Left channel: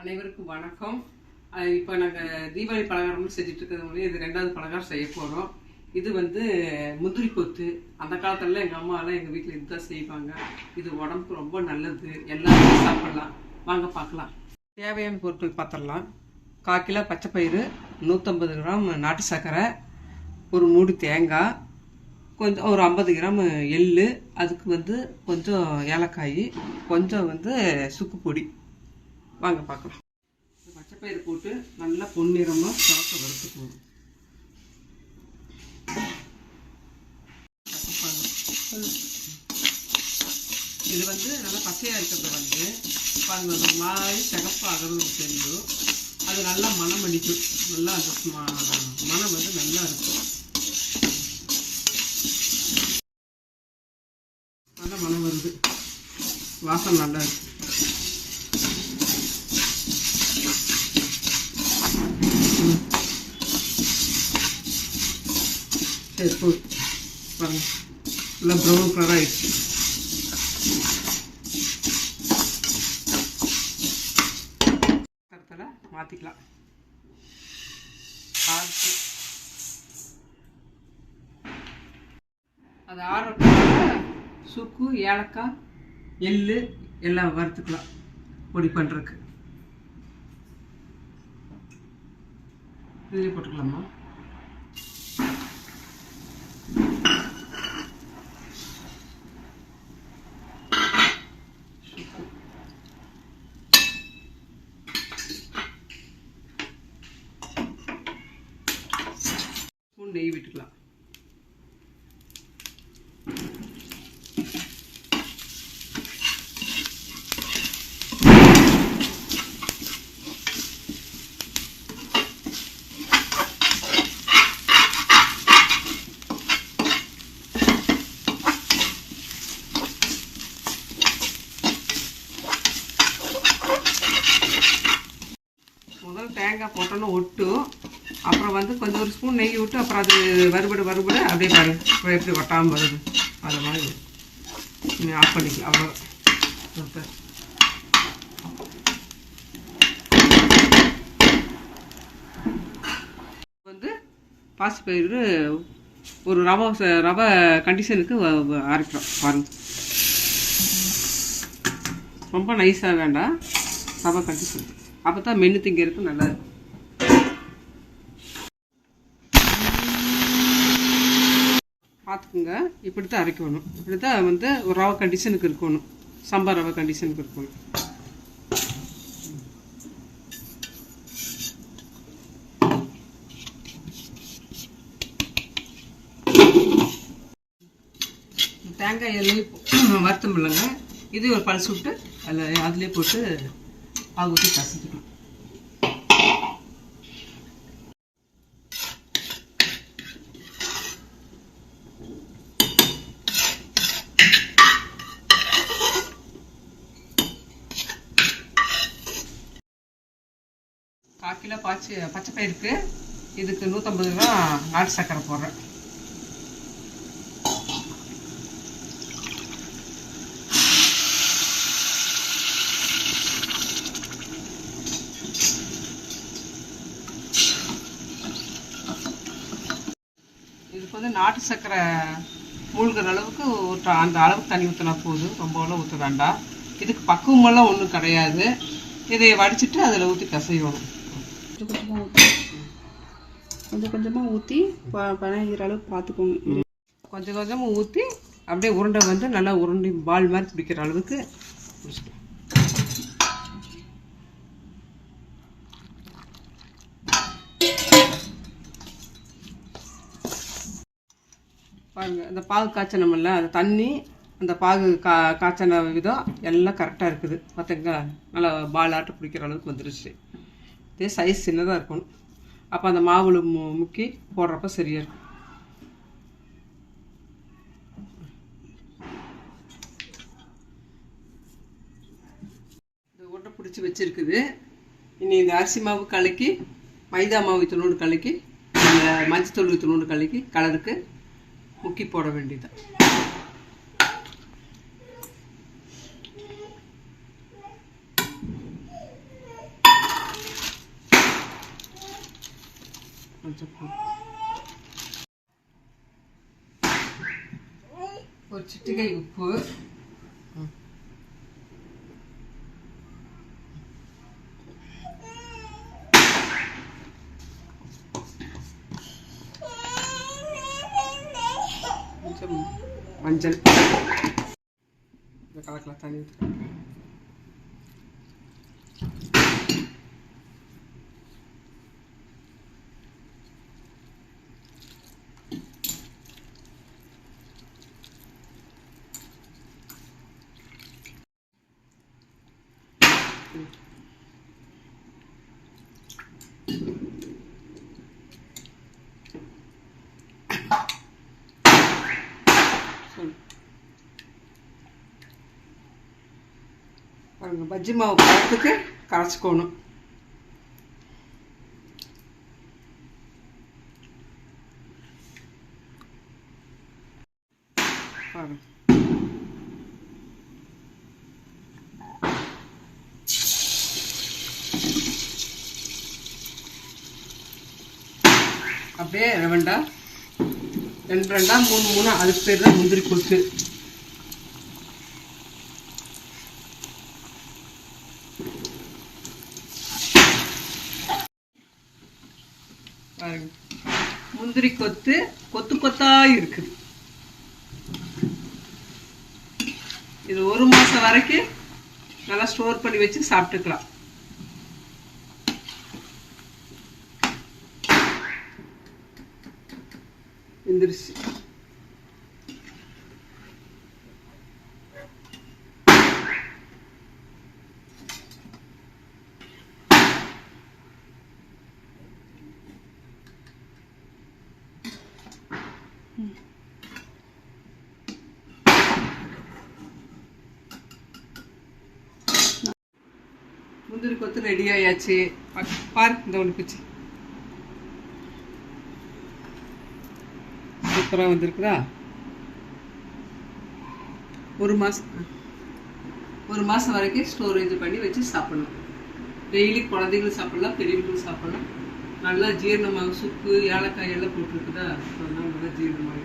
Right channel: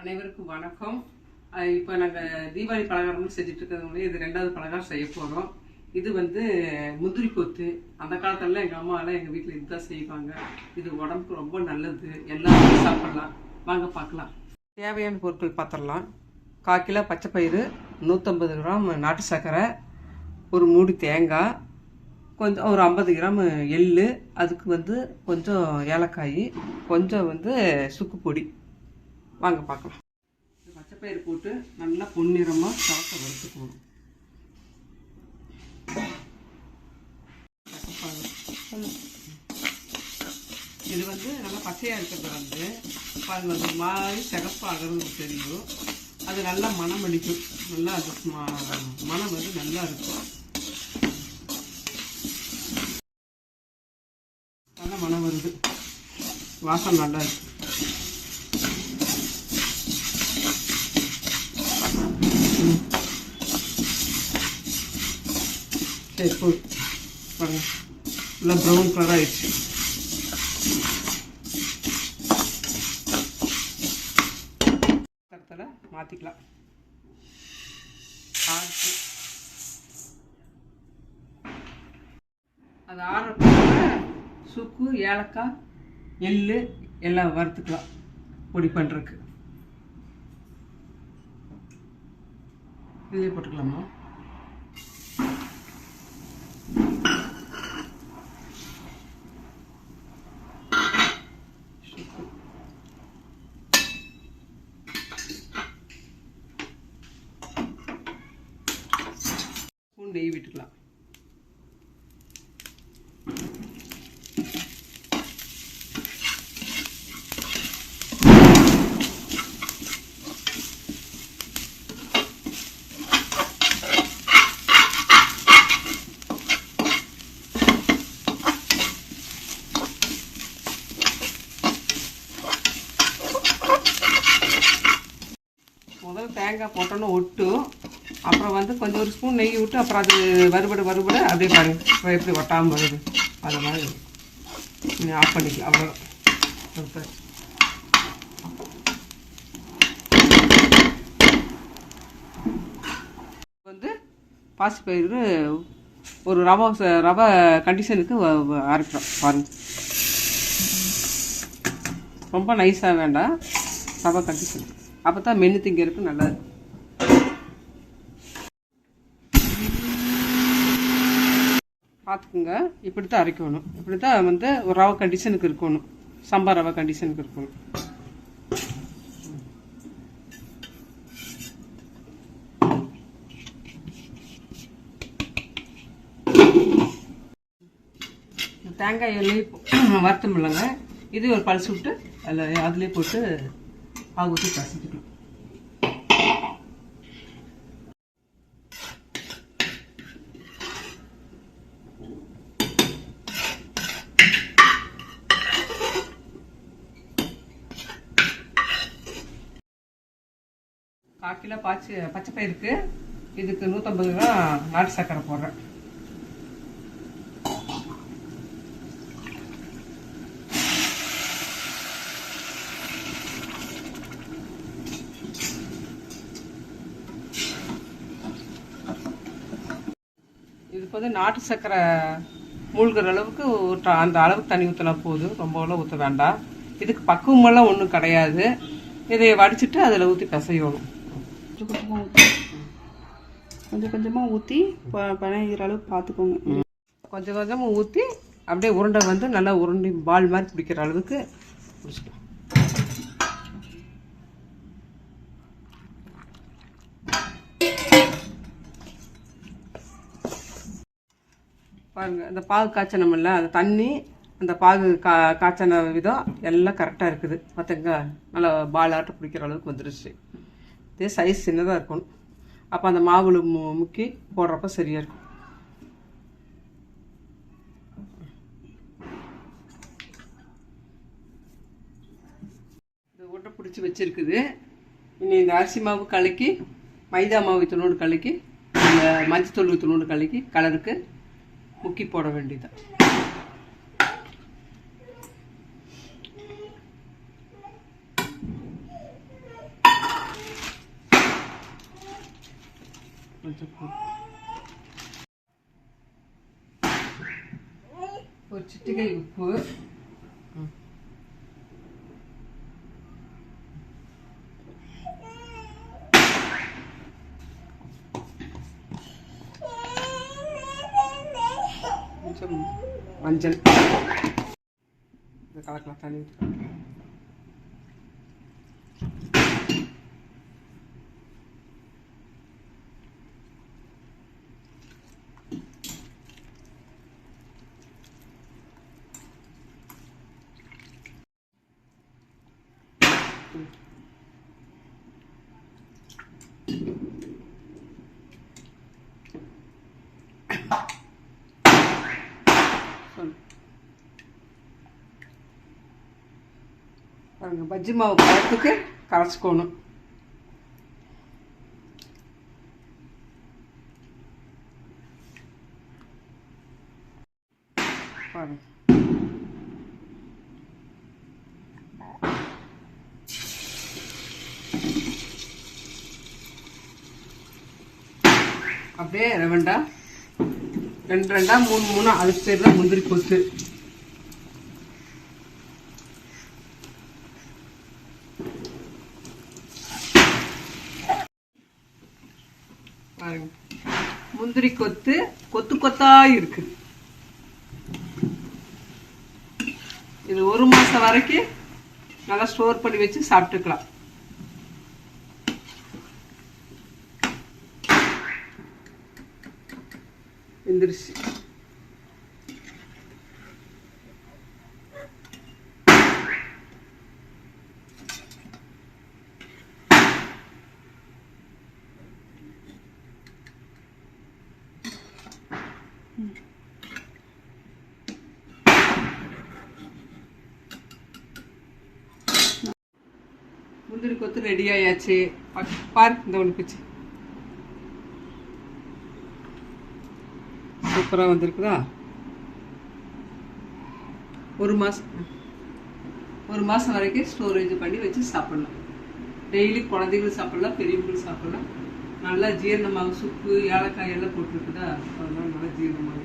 அனைவருக்கும் வணக்கம். இப்போ நாங்கள் தீபாவளி பலகாரம்னு செஞ்சுட்டு இருக்கிறது இது 2வது பலகாரம் செய்ய போகிறோம். இது முந்திரி கொத்து. அந்த காலத்துலலாம் எங்கள் அம்மாலாம் எங்கள் வீட்டில் இதுதான் செய்வாங்க. இது உடம்புக்கு ரொம்ப நல்லது, எல்லாருமே சாப்பிட்லாம். வாங்க பார்க்கலாம். தேவையான பொருட்கள் பார்த்துடலாம். 1/4 கிலோ பச்சை பயிறு, 150 கிராம் நாட்டு சர்க்கரை, ஒரு மூடி தேங்காய், கொஞ்சம் ஒரு 50 கிராம் எள், அதுக்கு கொஞ்சம் ஏலக்காய், கொஞ்சம் சுக்கு பொடி. வாங்க பார்க்கலாம். பச்சைப்பயிறு போட்டு நல்லா பொன்னிறமாக சாப்பிட வறுத்துக்கணும். இது நல்லா பச்சையாக இருக்கிறது ஒரு மாதிரி சிகப்பாகிறது தெரியும். அது நல்லா மனம் அடிக்கும். நல்லா அது மனம் நல்லா இருக்கும். நல்லா மனம் வருது, வாசம் நல்லா இருக்கு. சரி பாருங்க, நல்லா ப்ரௌன் கலர் ஆயிடுச்சு. கருத்தில் மாற்றிக்கலாம். அது ஆறுறதுக்கு சுக்கு, ஏலக்காய், எள் எல்லாம் வறுத்துக்கலாம் பொடி பண்ணுறதுக்கு. இதுலேயே போட்டுக்கலாமா? நெய் விட்டுக்கலாம். முதல் தேங்காய் போட்டோன்னு ஒட்டும். அப்புறம் கொஞ்சம் ஒரு ஸ்பூன் நெய் விட்டு அப்புறம் அது வறுபட அப்படியே பாருங்க எப்படி ஒட்டாமல் வருது. அது மாதிரி நீங்கள் ஆஃப் பண்ணிக்கலாம். அவ்வளோ பாசிப்பயிறு ஒரு ரவை கண்டிஷனுக்கு அரைக்கிறோம் பாருங்க. ரொம்ப நைஸாக வேண்டாம், ரவை கண்டிஷன். அப்போ தான் மென்று திங்கிறதுக்கு நல்லா இருக்கும். பார்த்துக்குங்க, இப்படி தான் அரைக்கணும். இப்படி தான் ஒரு ரவை கண்டிஷனுக்கு இருக்கணும், சாம்பார் ரவை கண்டிஷனுக்கு இருக்கணும். தேங்காய் எண்ணெய் வறுத்தம் இல்லைங்க, இது ஒரு பல்ஸ் விட்டு அதுலேயே போட்டு பாகு ஊற்றி பசிக்கணும். கால் கிலோ பச்சை பயிருக்கு இதுக்கு 150 கிராம் நாட்டு சர்க்கரை போடுறேன். இதுக்கு நாட்டு சர்க்கரை மூழ்கிற அளவுக்கு அந்த அளவுக்கு தண்ணி ஊற்றினா போதும், ரொம்பலாம் ஊற்ற வேண்டாம். இதுக்கு பக்குவமெல்லாம் ஒன்றும் கிடையாது. இதை வடிச்சிட்டு அதில் ஊற்றி பிசையணும். கொஞ்சம் கொஞ்சமாக ஊற்றி பனைகிற அளவுக்கு பார்த்துக்கோங்க. கொஞ்சம் கொஞ்சமாக ஊற்றி அப்படியே உருண்டை நல்லா உருண்டை பால் மாதிரி பிடிக்கிற அளவுக்கு பிடிச்சிக்கலாம். பாருங்கள், அந்த பாகு காய்ச்சனமில்ல, அந்த தண்ணி அந்த பாகு காய்ச்சன விதம் எல்லாம் கரெக்டாக இருக்குது. பார்த்துங்க, நல்லா பால் ஆட்டு பிடிக்கிற அளவுக்கு வந்துருச்சு. இதே சைஸ் சின்னதாக இருக்கணும். அப்போ அந்த மாவுளை முக்கி போடுறப்ப சரியாக இருக்கும். இந்த உருண்டை பிடிச்சி வச்சுருக்குது. இனி இந்த அரிசி மாவு கலக்கி, மைதா மாவு துணூண்டு கலக்கி, இந்த மஞ்சத்தூள் துணூண்டு கலக்கி கலருக்கு முக்கி போட வேண்டியது. கொஞ்சம் ஒரு சிட்டிகை உப்பு, கொஞ்சம் மஞ்சள் கலக்கலாம் தண்ணி. பாருங்க, பஜ்ஜி மாவு பழத்துக்கு கரைச்சிக்கணும். பாருங்க, அப்படியே ரெண்டா ரெண்டா மூணு அதுக்கு பேர் தான் முந்திரி கொத்து. பாருங்க, முந்திரி கொத்து கொத்து கொத்தா இருக்குது. இது 1 மாசம் வரைக்கும் நல்லா ஸ்டோர் பண்ணி வச்சு சாப்பிட்டுக்கலாம். வெந்துருச்சு. முந்திரி கொத்து ரெடி ஆயாச்சு. பாரு, இந்த ஒன்று பிச்சு சூப்பராக வந்திருக்குதா. 1 மாதம் வரைக்கும் ஸ்டோரேஜ் பண்ணி வச்சு சாப்பிடலாம். டெய்லி குழந்தைகளும் சாப்பிடலாம், பெரியவங்களும் சாப்பிடலாம். நல்லா ஜீரணமாக சுக்கு ஏலக்காய் எல்லாம் போட்டிருக்குதா, அதெல்லாம் நல்லா ஜீரணமாக